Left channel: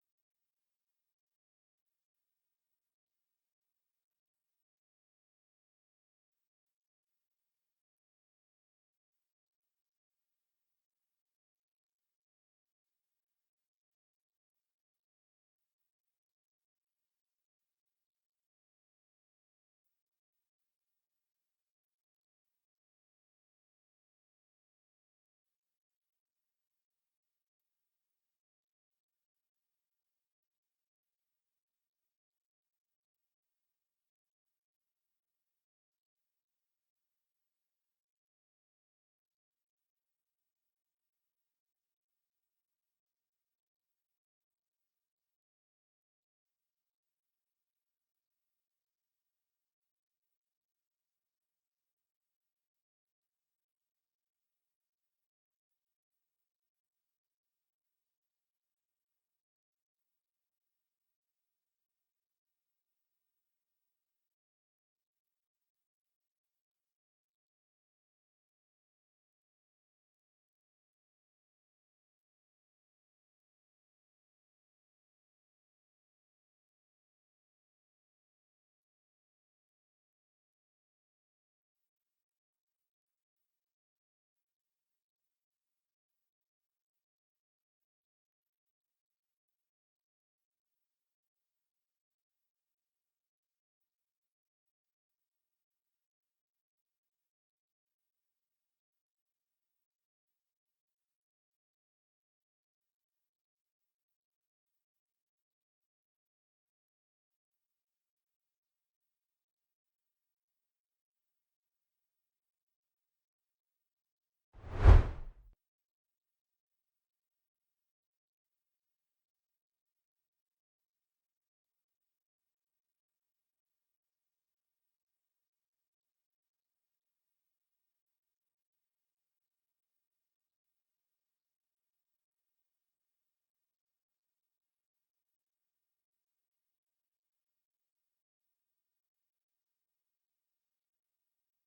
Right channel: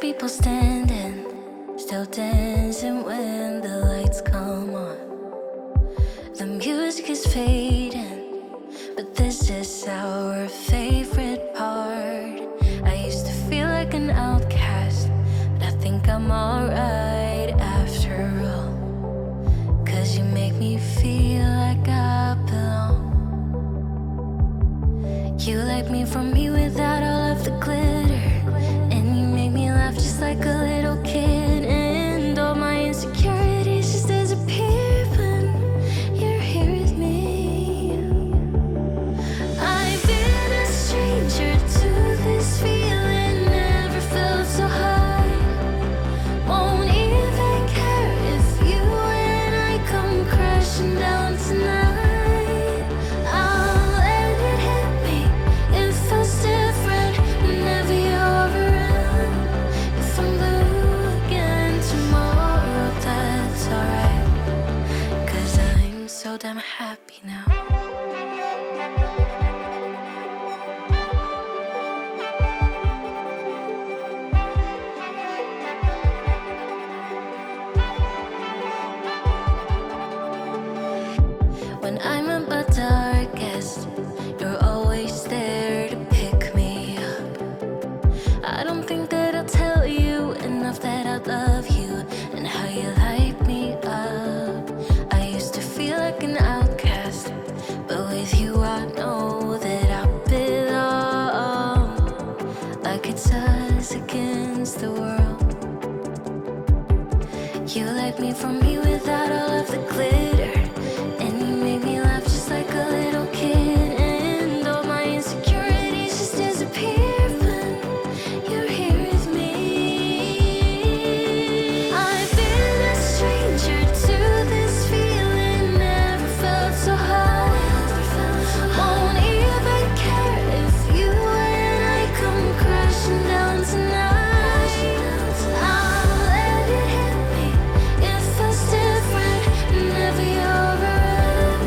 people standing, still dancing when the lights come on. The music is fading, but this is our favorite part. I used to feel like an outcast, but I think I'm alright after all. 'Cause you make me feel like I belong. You like me from me without all of the glitter, and you make me laugh just like a little kid. And all my insecurities just disappear when you're here with me. I've been a stranger to this feeling, never felt so high. Won't even care if you and I come crashing down tonight. I'll let it hit me, it feels different whenever you're around. If I'm blue again tomorrow, that's alright, 'cause I'm so damn happy now. When I'm at my darkest, you're always there to pick me up. I don't think that I'll tell you enough that I love you and how you light me up. I used to feel like an outcast, but with you I know that I belong. Like it's us against the world. You like me from me without all of the glitter, and you make me laugh just like a little kid. And all my insecurities just disappear when you're here with me. I've been a stranger to this feeling, never felt so high. Won't even care if you and I come crashing down tonight. I'll let it hit me, it feels different whenever you're around.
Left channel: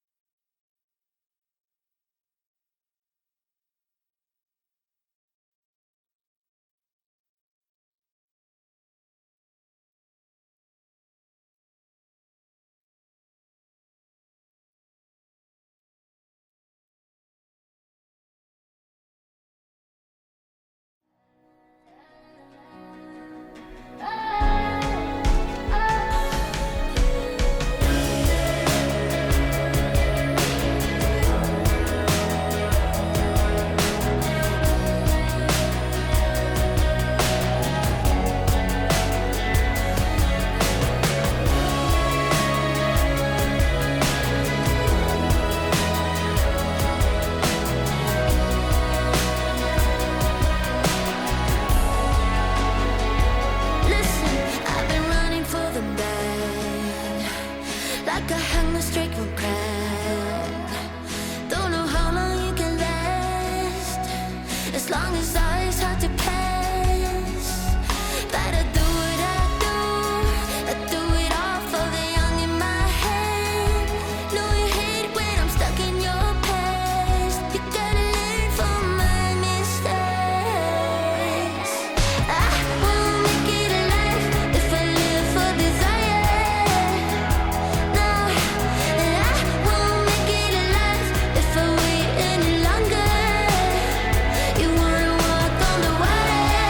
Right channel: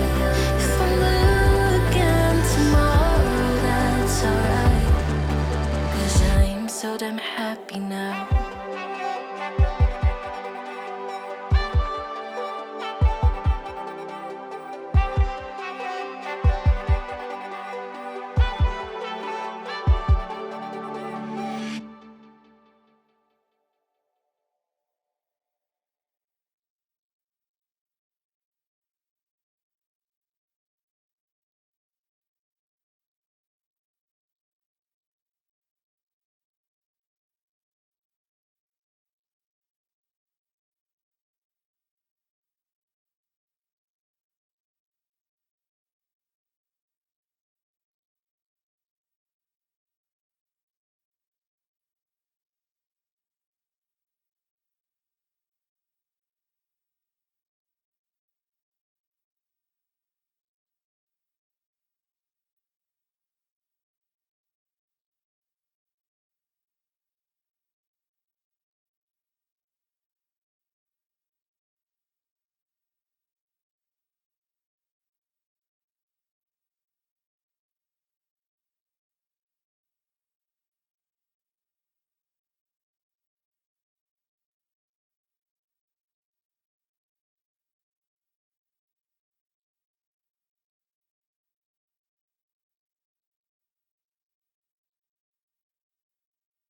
If I'm blue again tomorrow, that's alright, 'cause I'm so damn happy now. Listen, I've been running for the man, like I hung a streak from crack. Don't know how long you can last, as long as it's hard to pass. But I do what I do it all for the young in my head. Know you hate when I'm stuck in your past. You gotta learn from my mistakes. I won't make it alive if I live for desire. No, I won't make it alive if I wait any longer. You wanna walk on the water,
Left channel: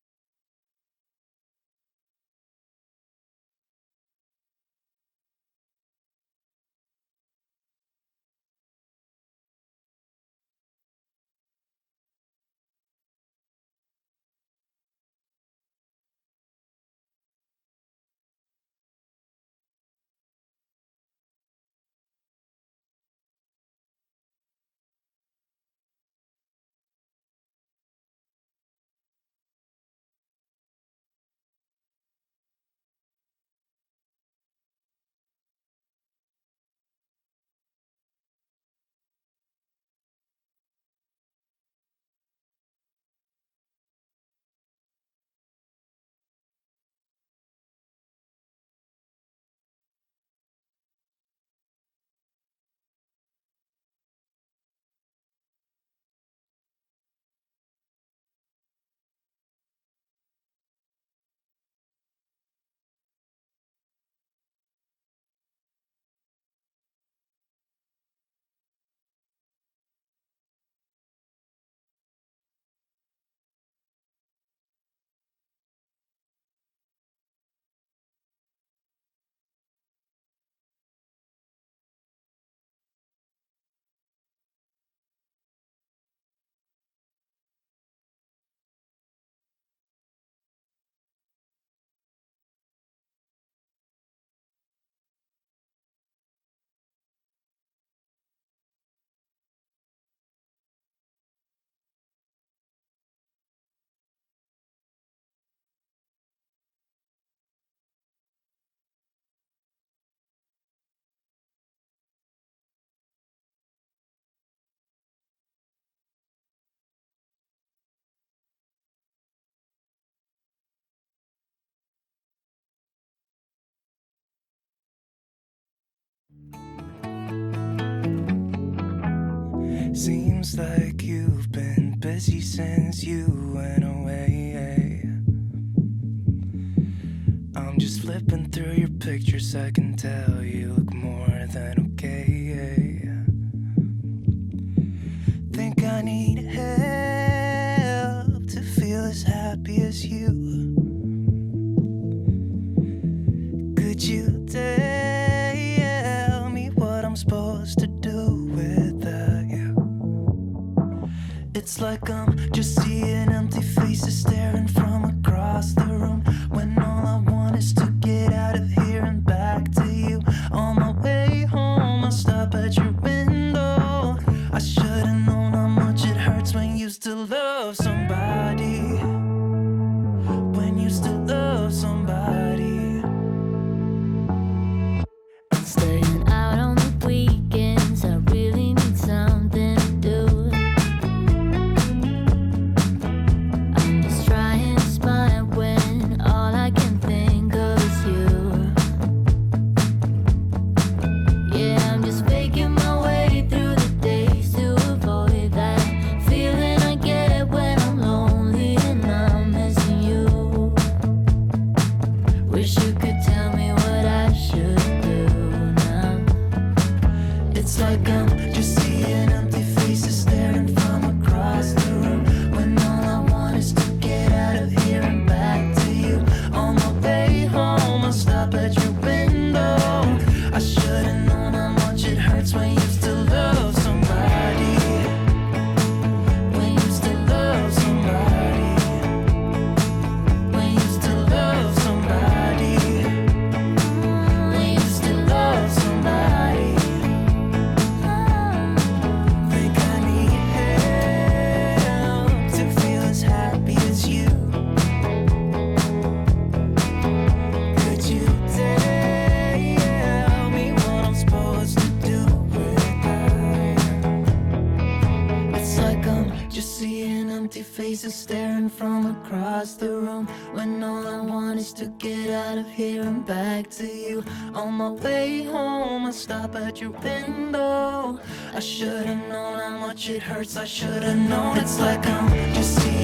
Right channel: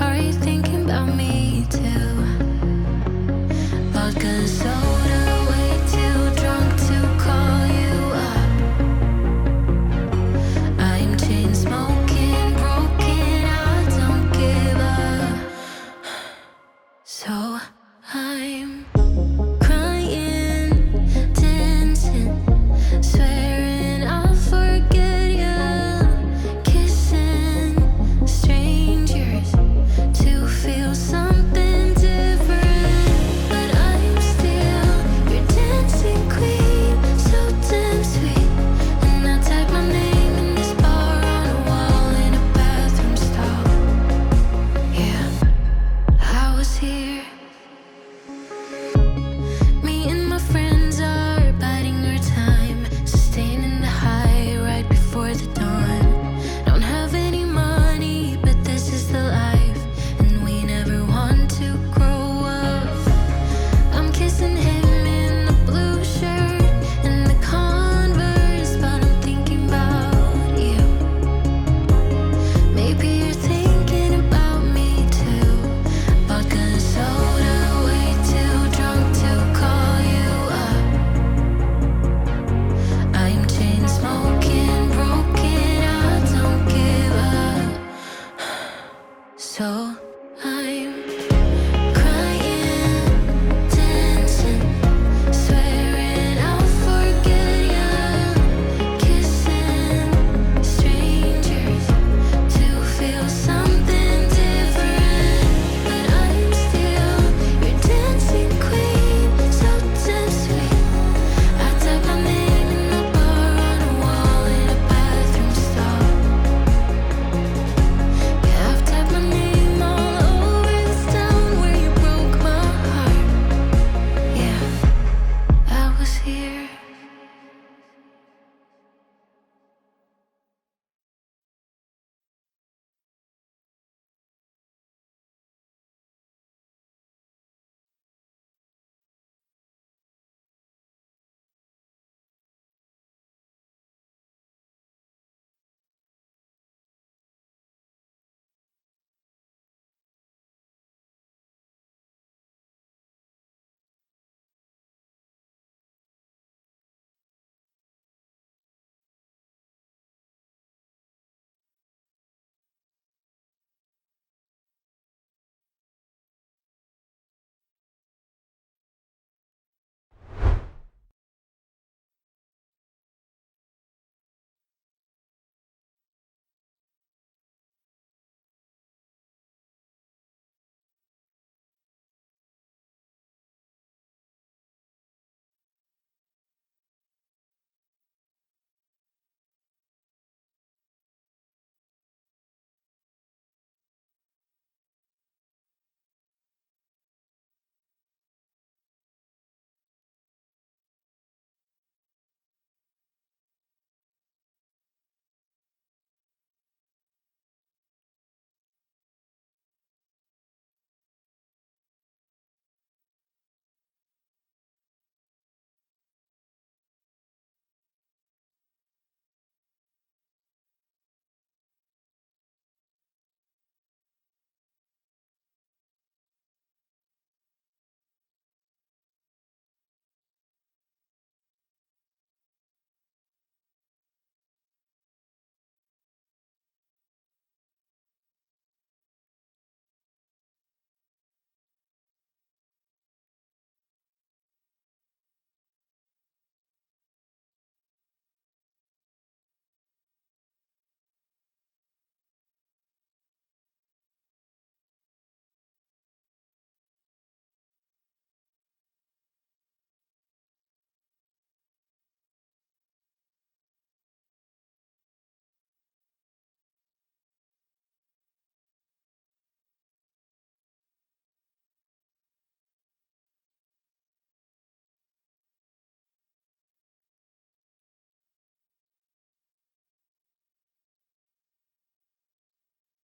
Are you thinking about me too? Vodka and soda, way too drunk to call you up. I'm chain smoking, broken, I don't give up. So I'm crying, dancing, swearing I'll forget you, kissing strangers to feel something different. But I'm still your dancing queen, so damn sweet. And I type my name in this bar on a wall in a bathroom stall. Yeah, I was here. Me and my friends are biding our time, sustaining the high right before the dawn. Don't have any money, but this is the life, and we never want to grow up. I'm kissing him in the blue shirt and the Converse, but I'm thinking about you. Maybe you're thinking about me too. Vodka and soda, way too drunk to call you up. I'm chain smoking, broken, I don't give up. So I'm crying, dancing, swearing I'll forget you, kissing strangers to feel something different. But I'm still your dancing queen, so damn sweet. I type my name in the bar on a wall in a bathroom stall. Yeah, I've typed my name all over this town where you broke my heart. Yeah, I was here. Seems like you've been busy since you went away. I'm just flipping through your pictures, I can tell you look more than okay. Think I need help to feel as happy as you. Could you tell me what I'm supposed to do without you? It's like I'm just seeing empty faces staring from across the room, when all I want is to get out of here and back to you. On my way home, I'll stop at your window. I should've known how much it hurts when you still love somebody. When you still love somebody. Staying out on the weekends, I really need something to do. I'm just trying to smile when all I can think of is you. Yeah, I'm just faking my way through the days to avoid that feeling I get when I'm lonely and I'm missing you. Wish you could tell me what I should do now. It's like I'm just seeing empty faces staring from across the room, when all I want is to get out of here and back to you. On my way home, I'll stop at your window. I should've known how much it hurts when you still love somebody. When you still love somebody. When you still love somebody. When you still love somebody. Think I need help to feel as happy as you. Could you tell me what I'm supposed to do without you? It's like I'm just seeing empty faces staring from across the room, when all I want is to get out of here and back to you. On my way home, I'll stop at your window. I should've known how much it hurts, I should've known. It's like I'm just seeing